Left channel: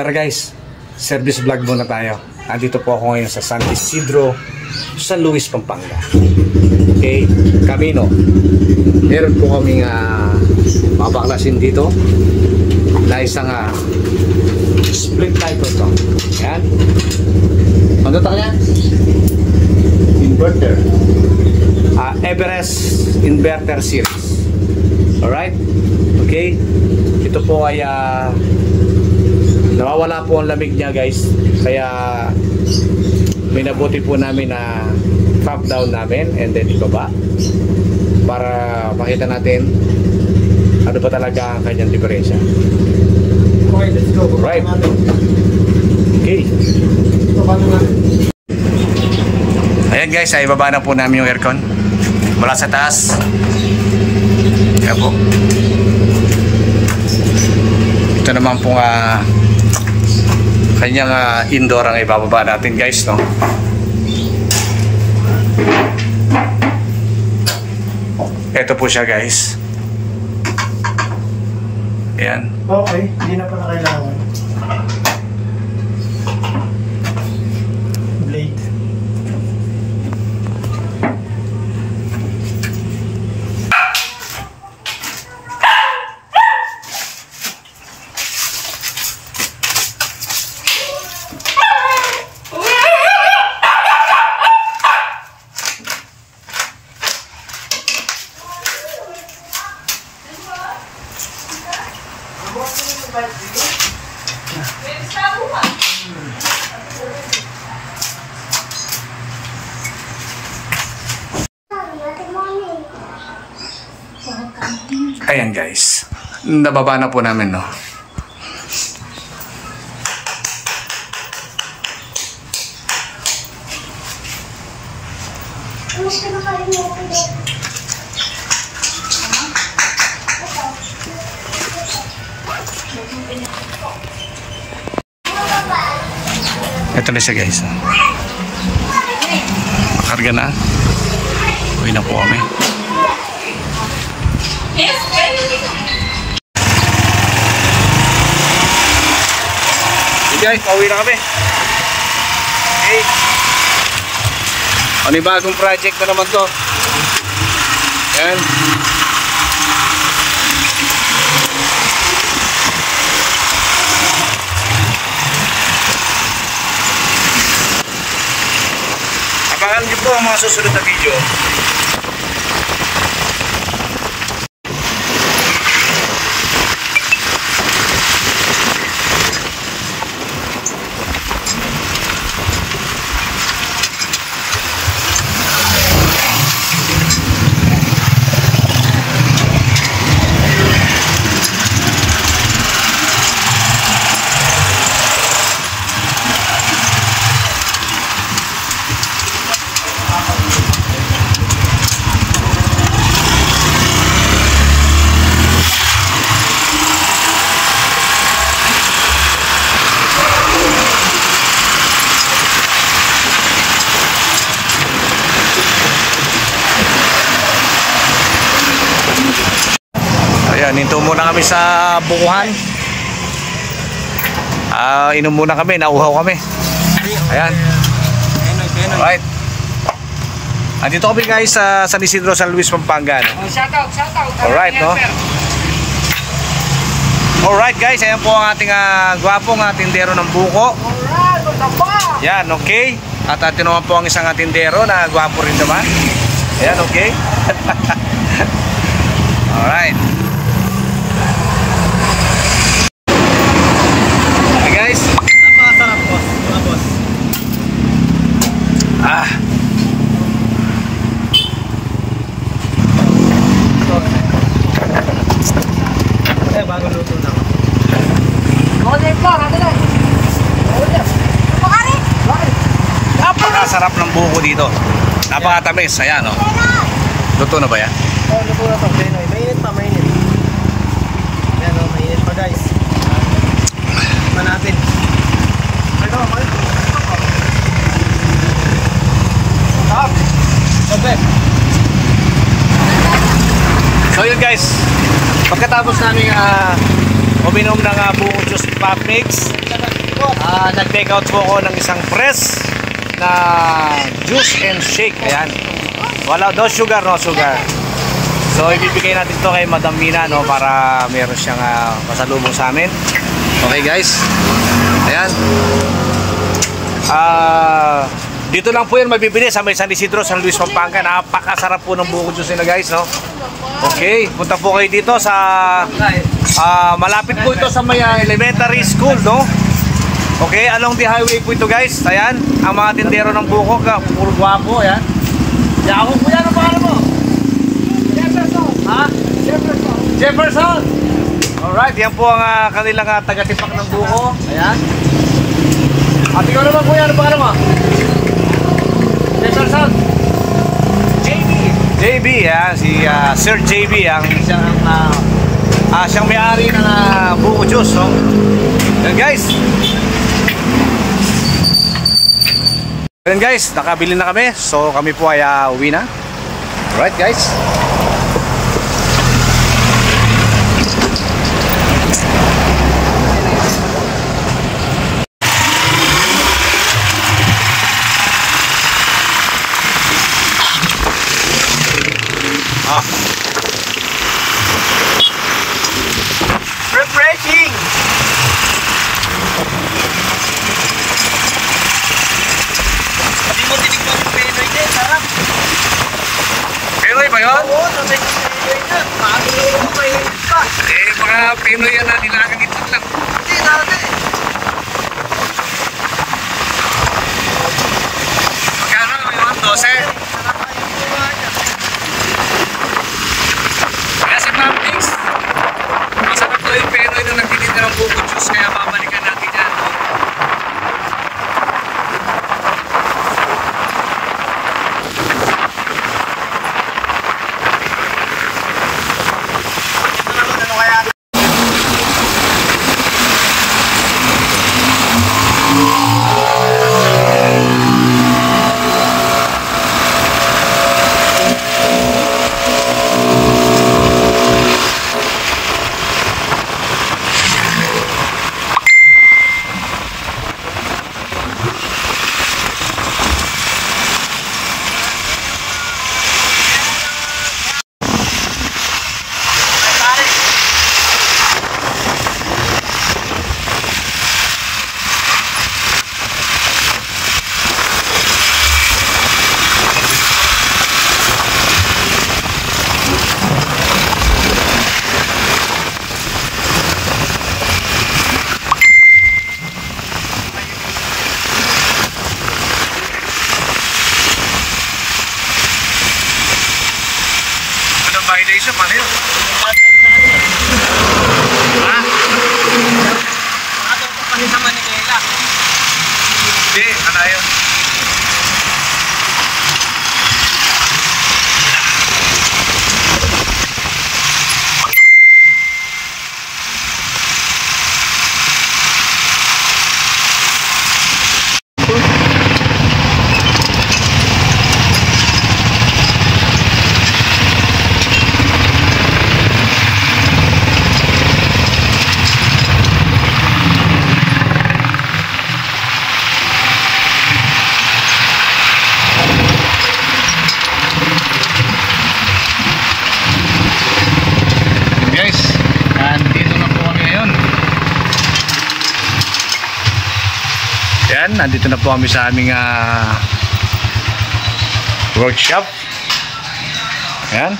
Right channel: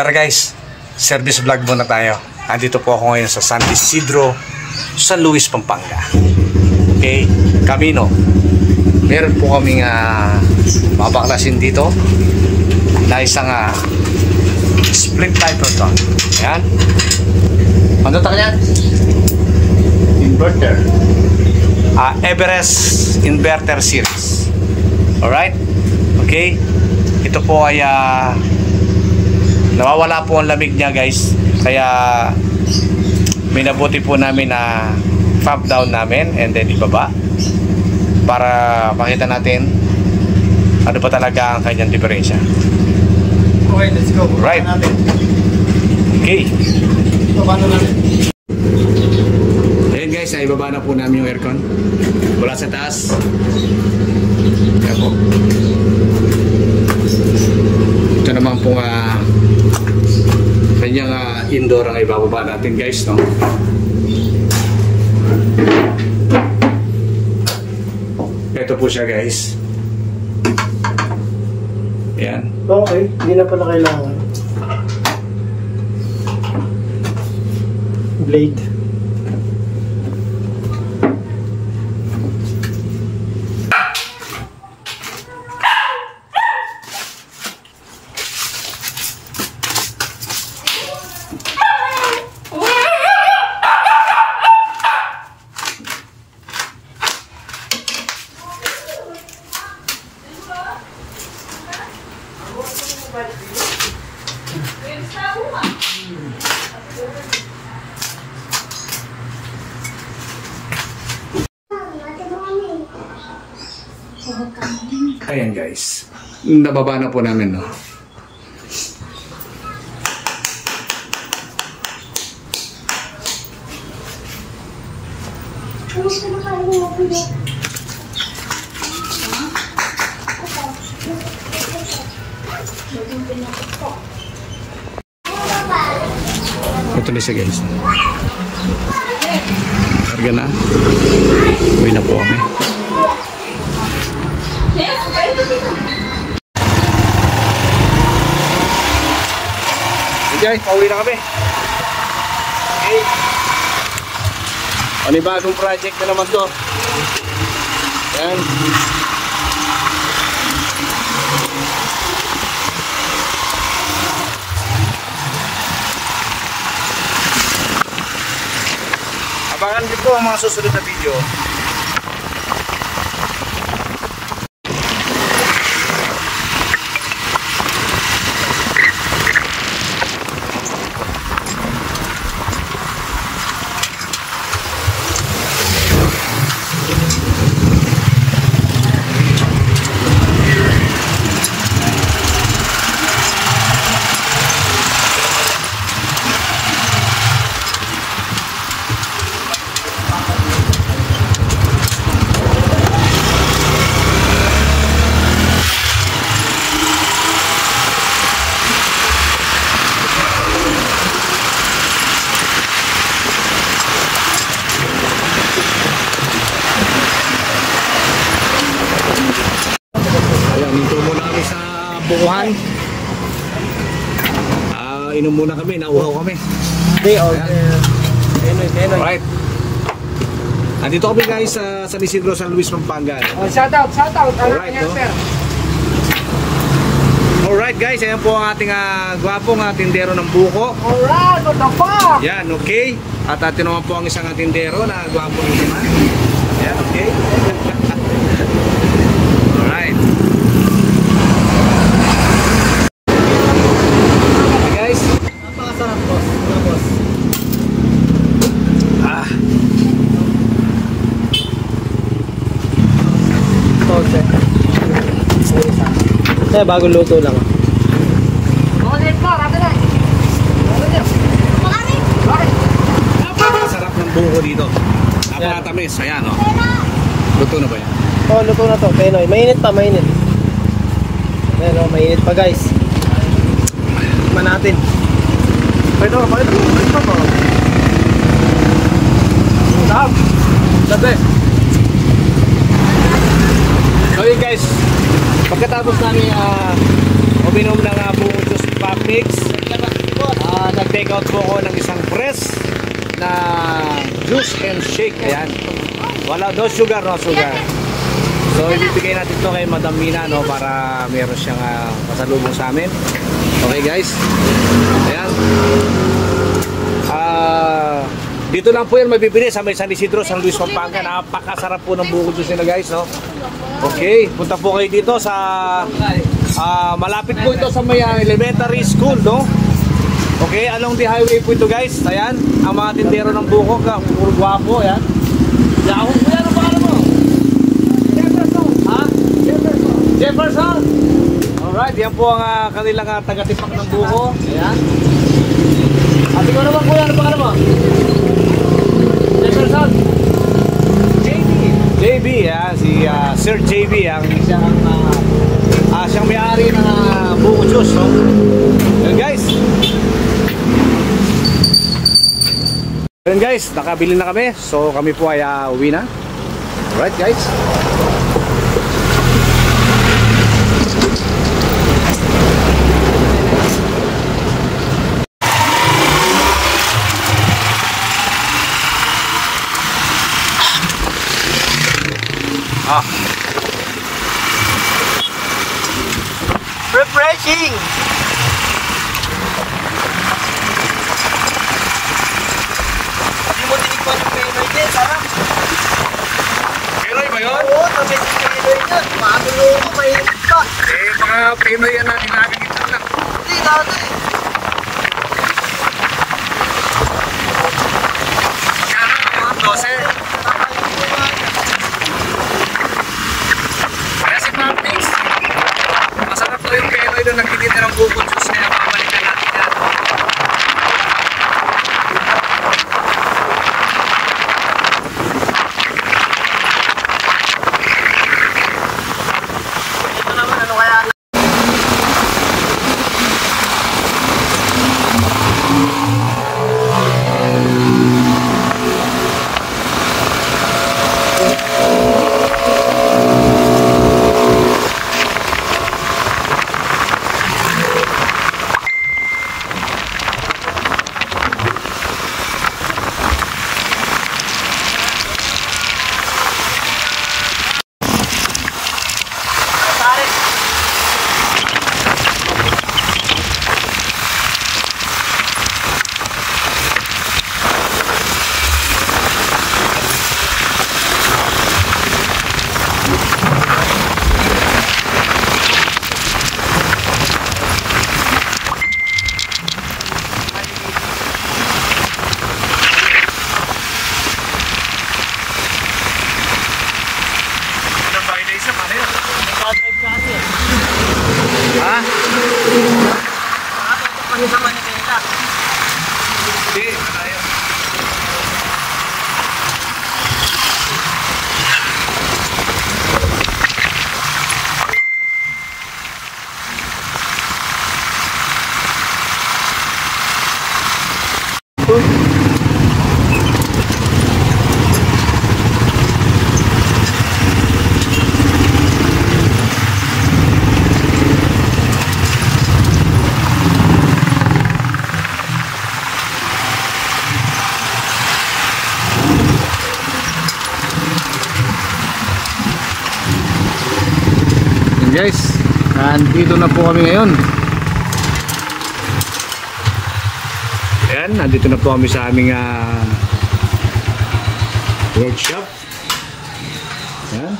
Tara guys, service vlog muna tayo. Andito po ako ngayon sa San Isidro, San Luis, Pampanga. Okay, Camino. Meron po kaming mabaklasin dito na isang split lighter to. Ayan. Ano ta yan? Inverter. Everest Inverter Series. Alright? Okay. Ito po ay nawawala po ang lamig niya guys. Kaya minabuti po namin na top down namin and then ibaba para makita natin ano ba talaga ang kanyang diferensya. Okay, let's go. Right. Okay. Paano natin? Ayan guys, ay ibaba na po namin yung aircon mula sa taas. Kaya po. Ito naman po kanyang indoor ang ibababa natin guys, no? Ito po siya guys. Ayan. Okay, hindi na pala kailangan. Blade. Ayan guys, nababa na po namin, no? Ito na siya guys. Karga na. Uwi na po kami. Guys, pauwi na kami. Okay. Panibagong project na naman to. Ayan. Abangan niyo po ang mga susunod na video. Ayan, hinto muna kami sa bukuhan. Inom muna kami, nauhaw kami. Ayan. Alright. Andito kami guys sa San Isidro, San Luis, Pampanga, no? Shout out. Alright, no? Alright guys, ayan po ang ating gwapong tindero ng buko. Alright, magkapa. Yan, okay. At atin naman po ang isang tindero na gwapo rin naman. Ayan, okay. Alright. Hey guys. Napakasarap boss, mga boss. Bagong luto lang. Napakasarap ng buko dito. Napakatamis. Ayan, no? Luto na ba yan? Oo, luto na to. Penoy. Mainit pa, mainit. Ayan o, mainit pa guys. Tikman natin. Ito, mainit pa. Sabi. So yun guys, pagkatapos namin uminom ng buko juice pop mix, boss. Nag-take out po ako ng isang press na juice and shake. Ayan. Wala, no sugar, no sugar. So ibibigay natin to kay Madam Mina, no, para meron siyang pasalubong sa amin. Okay guys. Ayan. Dito lang po yan mabibili sa may San Isidro, San Luis, Pampanga. Napakasarap po ng buko juice nila guys, no? Okay, punta po kayo dito sa malapit po ito sa may elementary school, no? Okay, along the highway po ito guys. Ayan, ang mga tindero ng buko, puro gwapo, ayan. Yakong po yan, ang pangalan mo? Jefferson. Ha? Jefferson. Jefferson. Alright, yan po ang kanilang taga-tipak ng buko. Ayan. At ikaw naman kuya, ano pangalan mo? Jefferson. JB. JB, si Sir JB, siyang may-ari ng buko juice, no? Yan guys. Yan guys, nakabili na kami. So kami po ay uwi na. Alright guys. Refreshing! Hindi mo tinikman ng Pinoy din, sarap. Pinoy ba yun? Oo, sabay sa Pinoy na. Maamong mo ako mahirap pa. Mga Pinoy yan na nilagang itlog lang. Hindi, dapat din eh. Magkano ngayon? 12? Kaya si Ma'am Tix, masarap to yung Pinoy na nagtitinda ng buko juice, kaya babalikan natin yan. Ano kaya? Anong violation? Paano yun? Ha? Hindi, ano yun? Guys, nandito na po kami ngayon. Yan, nandito na po kami sa aming workshop. Yan.